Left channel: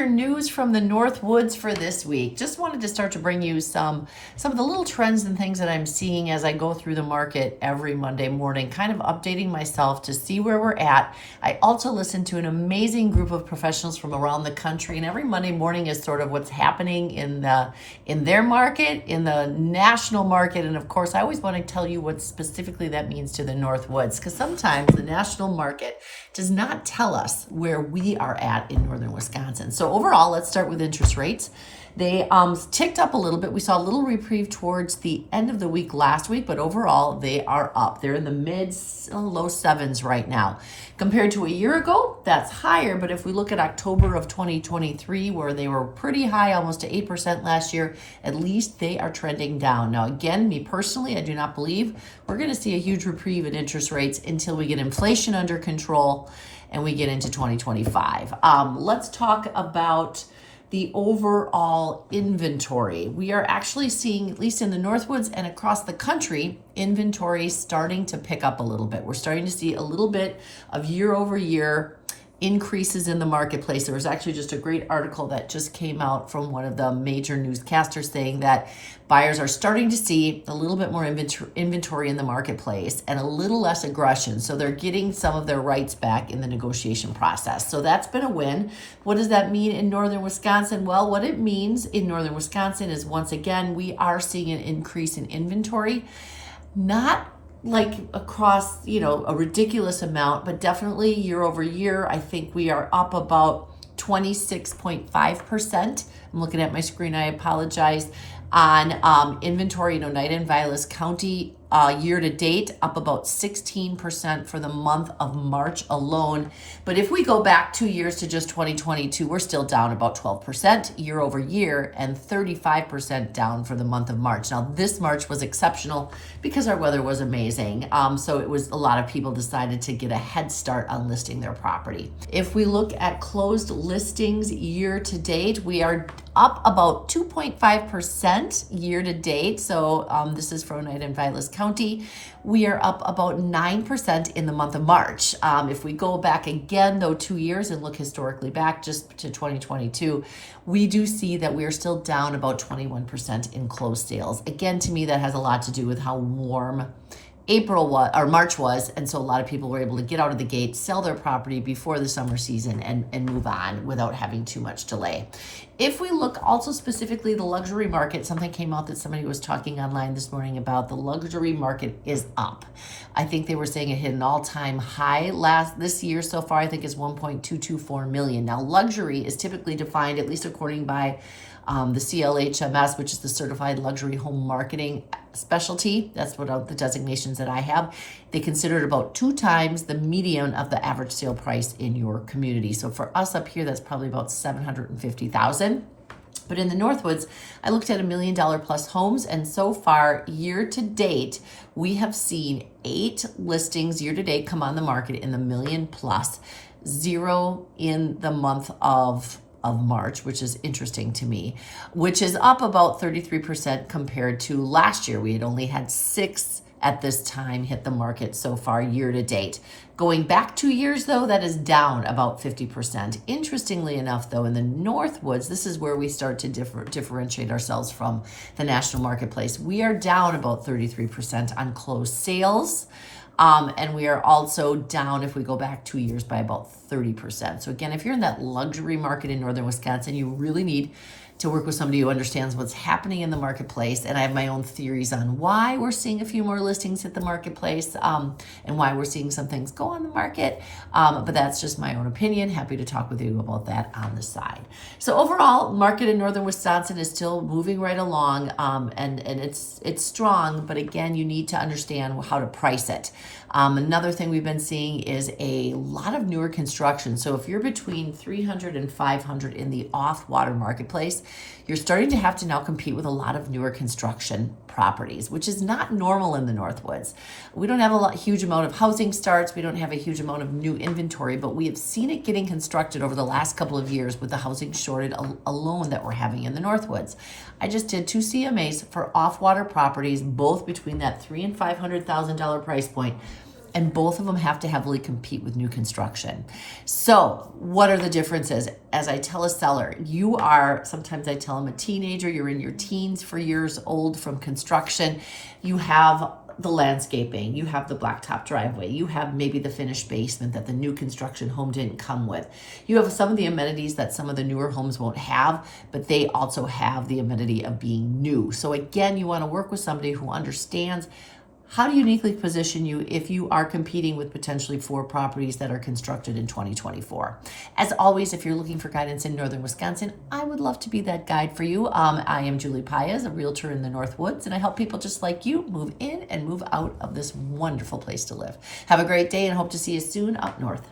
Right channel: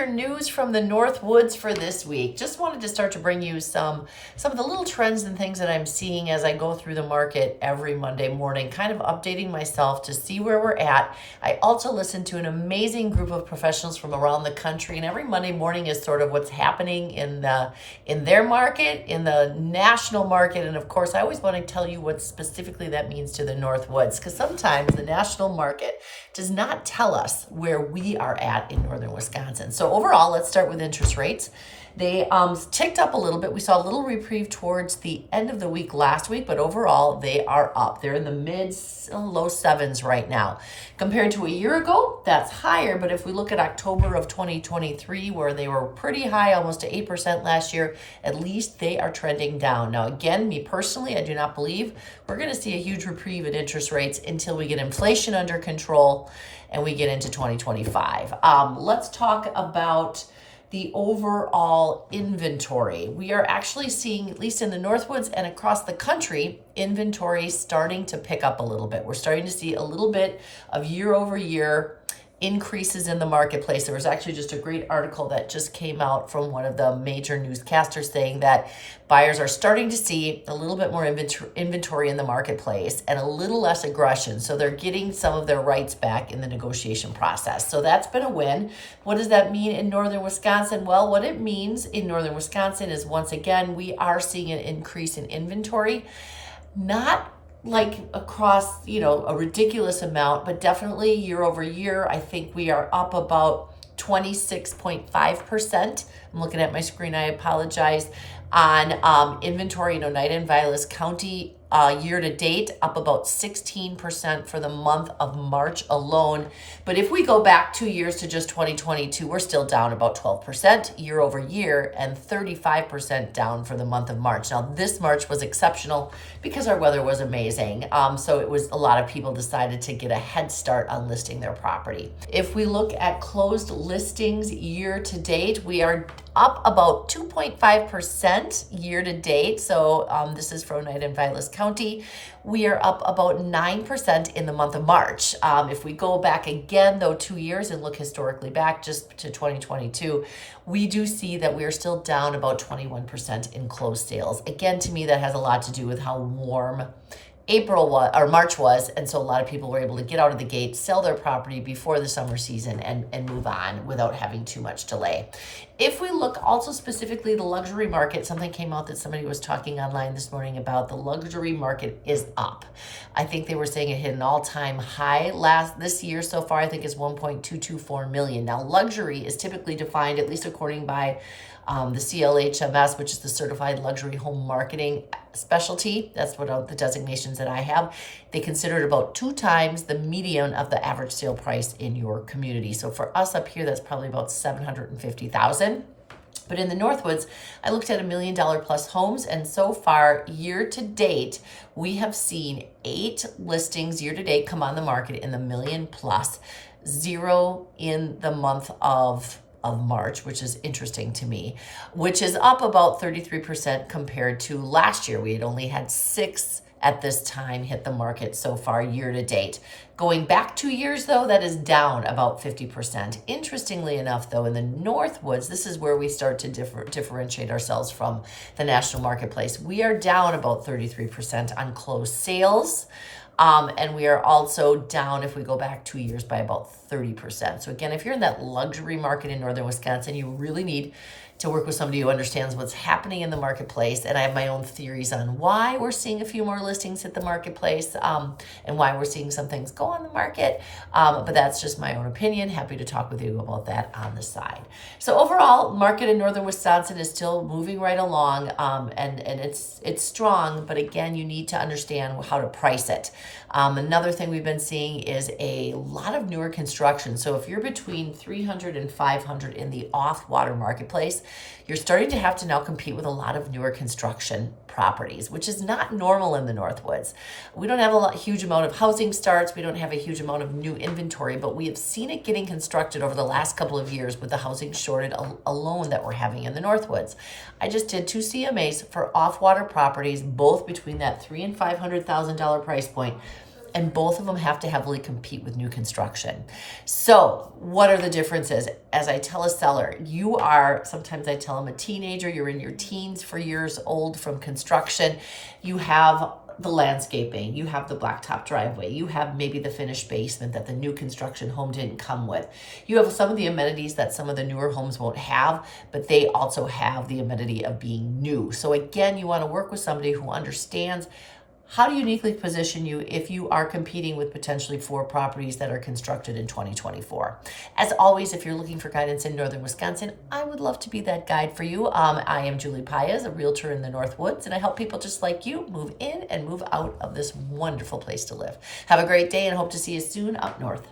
your news from the North Woods for this week. Just wanted to start to bring you some of the little trends and things that I'm seeing as I go through the market every Monday morning, kind of updating myself to see where we're at. I also listen to an amazing group of professionals from around the country, and every Monday morning is sort of what's happening in their market, in the national market, and of course I always want to tell you what specifically that means to the North Woods, because sometimes the national market does not tell us where we are at in northern Wisconsin. So overall, let's start with interest rates. They ticked up a little bit. We saw a little reprieve towards the end of the week last week, but overall they are up. They're in the low sevens right now. Compared to a year ago, that's higher, but if we look at October of 2023, where they were pretty high, almost to 8% last year, at least they are trending down. Now again, me personally, I do not believe we're going to see a huge reprieve in interest rates until we get inflation under control and we get into 2025. Let's talk about the overall inventory. We are actually seeing, at least in the Northwoods and across the country, inventory starting to pick up a little bit. We're starting to see a little bit of year over year increases in the marketplace. There was actually just a great article that just came out from one of the major newscasters saying that buyers are starting to see a little bit more inventory in the marketplace and a little less aggression. So they're getting some of their rights back in the negotiation process. So that's been a win. What does that mean in northern Wisconsin? Well, what it means in northern Wisconsin is, once again, we are seeing an increase in inventory. Not like across, a ridiculous amount, but definitely year over year, I think we are up about 26.5%. I'm looking at my screen, I apologize, on inventory in Oneida Vilas County year to date, up about 16% for the month of March alone. But if we go back 2 years to just 2022, we're still down about 12% year over year and 35% down for the month of March. Now, this March was exceptional because our weather was amazing. So it was a lot of people decided to get a head start on listing their property. If we look at closed listings year to date, we are up about 2.5% year to date. So this is for Oneida and Vilas County. We are up about 9% in the month of March. If we go back again, though, 2 years and look historically back just to 2022, we do see that we are still down about 21% in closed sales. Again, to me, that has a lot to do with how warm March was, and so a lot of people were able to get out of the gate, sell their property before the summer season, and move on without having too much delay. If we look also specifically the luxury market, something came out that somebody was talking online this morning about. The luxury market is up. I think they were saying it hit an all-time high this year so far. I think is 1.224 million. Now, luxury is typically defined, at least according by the CLHMS, which is the Certified Luxury Home Marketing Specialty. That's what the designations that I have. They consider it about 2 times the median of the average sale price in your community. So for us up here, that's probably about $750,000. But in the Northwoods, I looked at $1 million plus homes, and so far, year to date, we have seen 8 listings year to date come on the market in the million plus, 0 in the month of March, which is interesting to me, which is up about 33% compared to last year. We had only had 6 at this time hit the market so far year to date. Going back 2 years, though, that is down about 50%. Interestingly enough, though, in the Northwoods, this is where we start to differentiate ourselves from the national marketplace. We are down about 33% on closed sales. And we are also down, if we go back 2 years, by about 30%. So again, if you're in that luxury market in northern Wisconsin, you really need to work with somebody who understands what's happening in the marketplace. And I have my own theories on why we're seeing a few more listings hit the marketplace and why we're seeing some things go on the market. But that's just my own opinion. Happy to talk with you about that on the side. So overall, market in northern Wisconsin is still moving right along, and it's strong. But again, you need to understand how to price it. Another thing we've been seeing is a lot of newer construction. So if you're between 300 and 500 in the off-water marketplace, you're starting to have to now compete with a lot of newer construction properties, which is not normal in the Northwoods. We don't have a huge amount of housing starts. We don't have a huge amount of new inventory, but we have seen it getting constructed over the last couple of years with the housing shortage alone that we're having in the Northwoods. I just did 2 CMAs for off-water properties, both between that $300,000 and $500,000 price point. and both of them have to heavily compete with new construction. So what are the differences? As I tell a seller, you are, sometimes I tell them a teenager, you're in your teens for years old from construction. You have the landscaping, you have the blacktop driveway, you have maybe the finished basement that the new construction home didn't come with. You have some of the amenities that some of the newer homes won't have, but they also have the amenity of being new. So again, you want to work with somebody who understands how to uniquely position you if you are competing with potentially 4 properties that are constructed in 2024. As always, if you're looking for guidance in Northern Wisconsin, I would love to be that guide for you. I am Julie Paez, a realtor in the North Woods, and I help people just like you move in and move out of this wonderful place to live. Have a great day and hope to see you soon up north.